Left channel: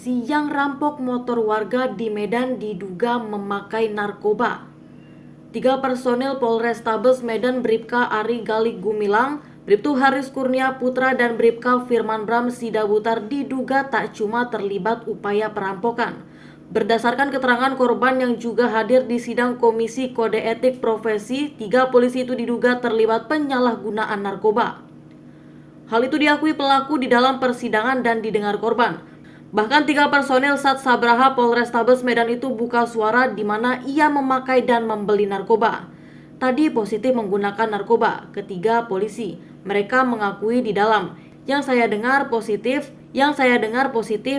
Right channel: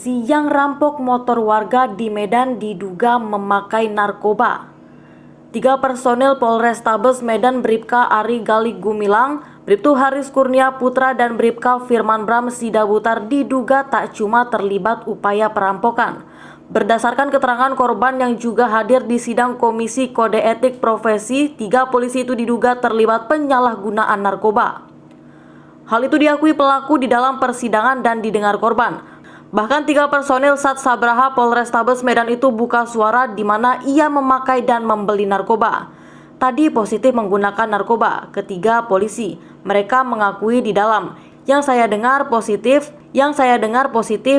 polisi yang rampok motor warga di Medan diduga memakai narkoba. 3 personel Polrestabes Medan Bribka Ari Gali Gumilang, Bribtu Haris Kurnia Putra dan Bribka Firman Bram Sidabutar diduga tak cuma terlibat upaya perampokan. Berdasarkan keterangan korban yang juga hadir di sidang Komisi Kode Etik Profesi, 3 polisi itu diduga terlibat penyalahgunaan narkoba. Hal itu diakui pelaku di dalam persidangan dan didengar korban. Bahkan 3 personel Sat Sabraha Polrestabes Medan itu buka suara di mana ia memakai dan membeli narkoba. Tadi positif menggunakan narkoba, ketiga polisi. Mereka mengakui di dalam. Yang saya dengar positif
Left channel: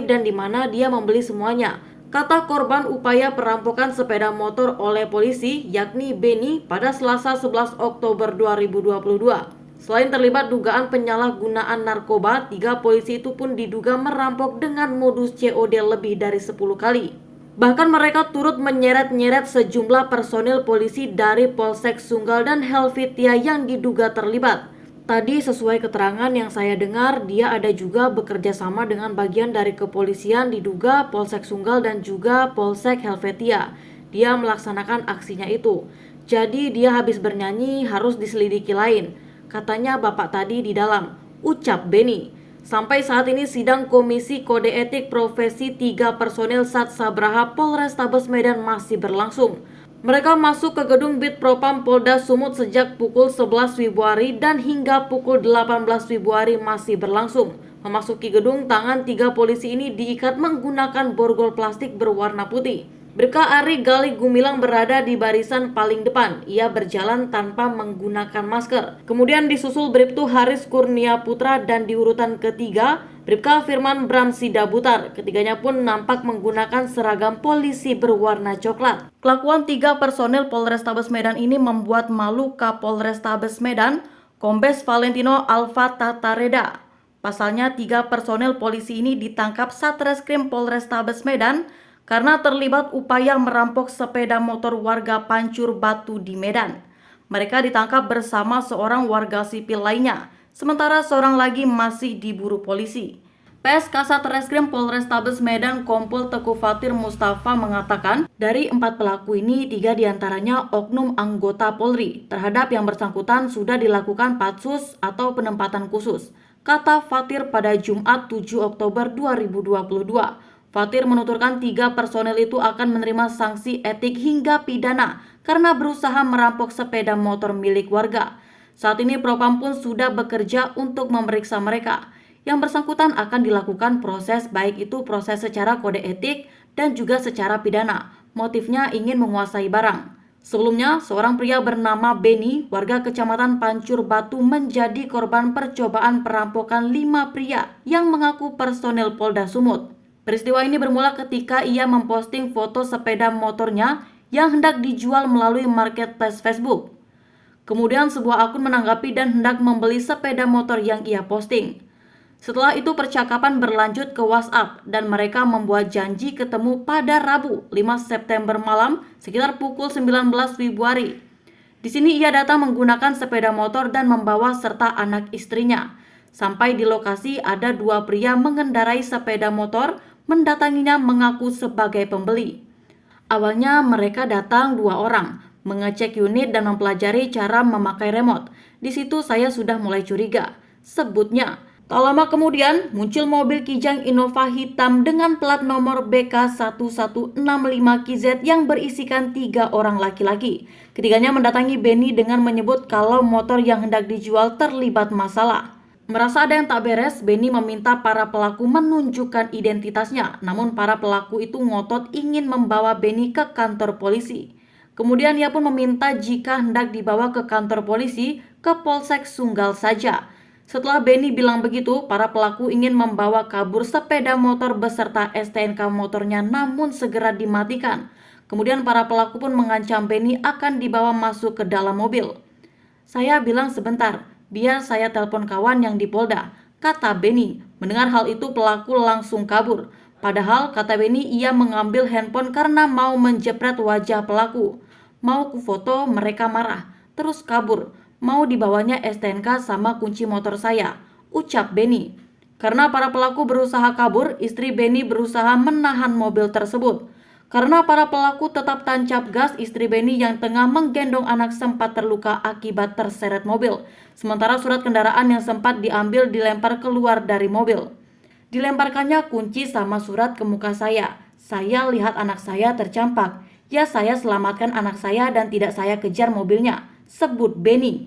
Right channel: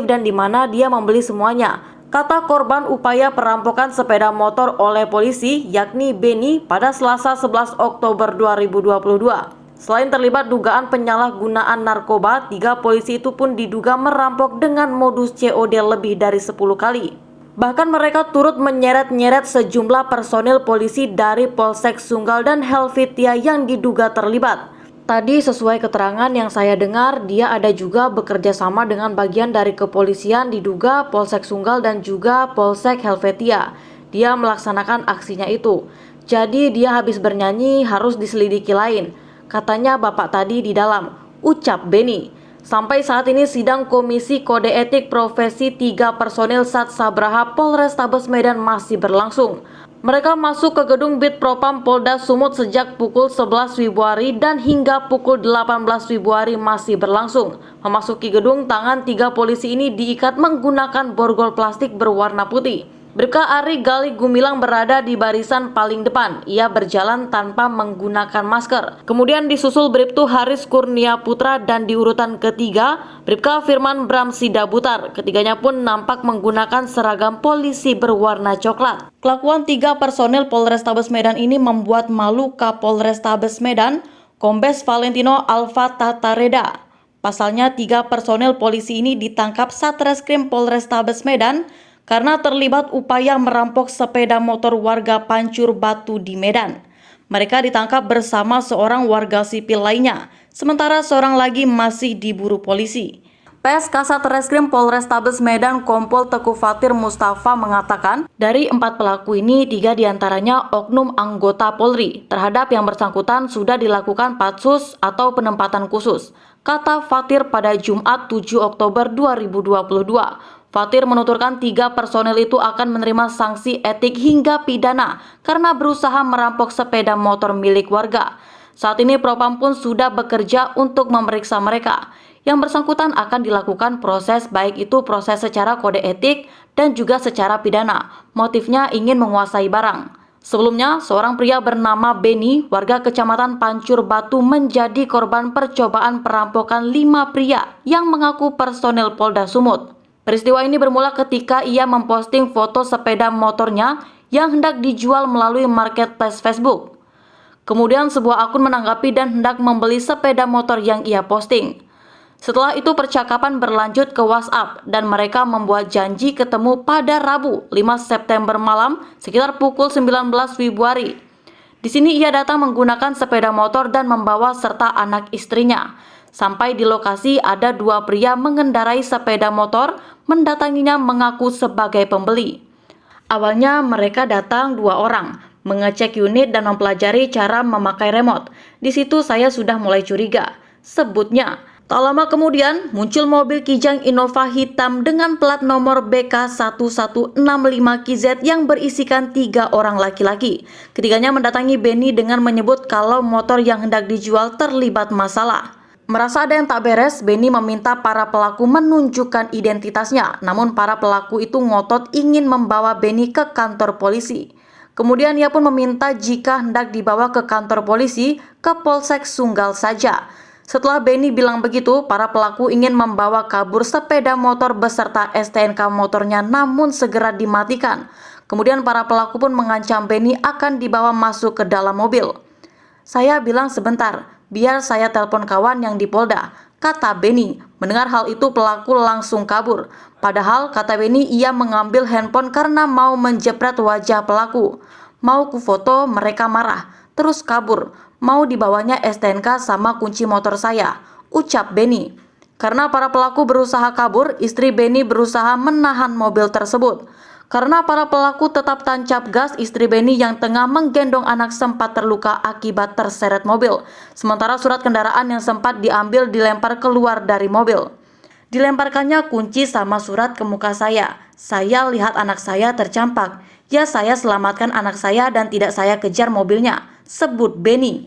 dan di mana dia membeli semuanya. Kata korban upaya perampokan sepeda motor oleh polisi yakni Beni pada Selasa 11 Oktober 2022. Selain terlibat dugaan penyalahgunaan narkoba, 3 polisi itu pun diduga merampok dengan modus COD lebih dari 10 kali. Bahkan mereka turut menyeret-nyeret sejumlah personil polisi dari Polsek Sunggal dan Helvetia yang diduga terlibat. Tadi sesuai keterangan yang saya dengar, dia ada juga bekerja sama dengan bagian dari kepolisian diduga Polsek Sunggal dan juga Polsek Helvetia. Dia melaksanakan aksinya itu. Jadi dia habis bernyanyi harus diselidiki lain. Katanya bapak tadi di dalam, ucap Beni. Sampai saat ini sidang Komisi Kode Etik Profesi 3 personil Sat Sabraha Polrestabes Medan masih berlangsung. Mereka masuk ke gedung Bid Propam Polda Sumut sejak pukul 11 Februari dan hingga pukul 18 Februari masih berlangsung. Memasuki gedung, tangan 3 polisi ini diikat menggunakan borgol plastik berwarna putih. Bribka Ari Gali Gumilang berada di barisan paling depan. Ia berjalan tanpa menggunakan masker. Kemudian disusul Bribtu Haris Kurnia Putra dan di urutan ketiga Bribka Firman Bram Sidabutar. Ketiganya pun nampak menggunakan seragam polisi berwarna coklat. Kelakuan 3 personil Polrestabes Medan ini membuat malu Kapolrestabes Medan, Kombes Valentino Alfa Tatareda. Pasalnya 3 personil polisi ini ditangkap Satreskrim Polrestabes Medan karena terlibat upaya merampok sepeda motor warga Pancur Batu di Medan. Mereka ditangkap bersama seorang warga sipil lainnya, sementara seorang lagi masih diburu polisi. PS Kasat Reskrim Polrestabes Medan Kompol Teguh Fatir Mustafa mengatakan, dari 4 pelaku ini 3 diantaranya oknum anggota Polri. Terhadap yang bersangkutan sudah dilakukan patsus atau penempatan khusus, kata Fatir pada Jumat 7 Oktober 2022. Fatir menuturkan 3 personel itu akan menerima sanksi etik hingga pidana karena berusaha merampok sepeda motor milik warga. Saat ini Propam pun sudah bekerja untuk memeriksa mereka. Yang bersangkutan akan dilakukan proses, baik itu proses secara kode etik dan juga secara pidana. Motifnya ingin menguasai barang. Sebelumnya, seorang pria bernama Beni, warga Kecamatan Pancur Batu menjadi korban percobaan perampokan 5 pria yang mengaku personel Polda Sumut. Peristiwa ini bermula ketika ia memposting foto sepeda motornya yang hendak dijual melalui marketplace Facebook. Kemudian sebuah akun menanggapi dan hendak membeli sepeda motor yang ia posting. Setelah itu percakapan berlanjut ke WhatsApp dan mereka membuat janji ketemu pada Rabu 5 September malam sekitar pukul 19 Februari. Di sini ia datang menggunakan sepeda motor dan membawa serta anak istrinya. Sampai di lokasi ada 2 pria mengendarai sepeda motor mendatanginya mengaku sebagai pembeli. Awalnya mereka datang 2 orang, mengecek unit dan mempelajari cara memakai remote. Di situ saya sudah mulai curiga, sebutnya. Tak lama kemudian muncul mobil Kijang Innova hitam dengan plat nomor BK1165KZ yang berisikan 3 orang laki-laki. Ketiganya mendatangi Beni dengan menyebut kalau motor yang hendak dijual terlibat masalah. Merasa ada yang tak beres, Beni meminta para pelaku menunjukkan identitasnya. Namun para pelaku itu ngotot ingin membawa Beni ke kantor polisi. Kemudian ia pun meminta jika hendak dibawa ke kantor polisi ke Polsek Sunggal saja. Setelah Beni bilang begitu, para pelaku ingin membawa kabur sepeda motor beserta STNK motornya namun segera dimatikan. Kemudian para pelaku pun mengancam Beni akan dibawa masuk ke dalam mobil. Saya bilang sebentar, biar saya telepon kawan yang di Polda, kata Beni. Mendengar hal itu pelaku langsung kabur. Padahal kata Beni ia mengambil handphone karena mau menjepret wajah pelaku. Mau ku foto mereka marah, terus kabur. Mau dibawanya STNK sama kunci motor saya, ucap Beni. Karena para pelaku berusaha kabur, istri Beni berusaha menahan mobil tersebut. Karena para pelaku tetap tancap gas, istri Beni yang tengah menggendong anak sempat terluka akibat terseret mobil. Sementara surat kendaraan yang sempat diambil dilempar keluar dari mobil. Dilemparkannya kunci sama surat ke muka saya. Saya lihat anak saya tercampak. Ya, saya selamatkan anak saya dan tidak saya kejar mobilnya, sebut Beni.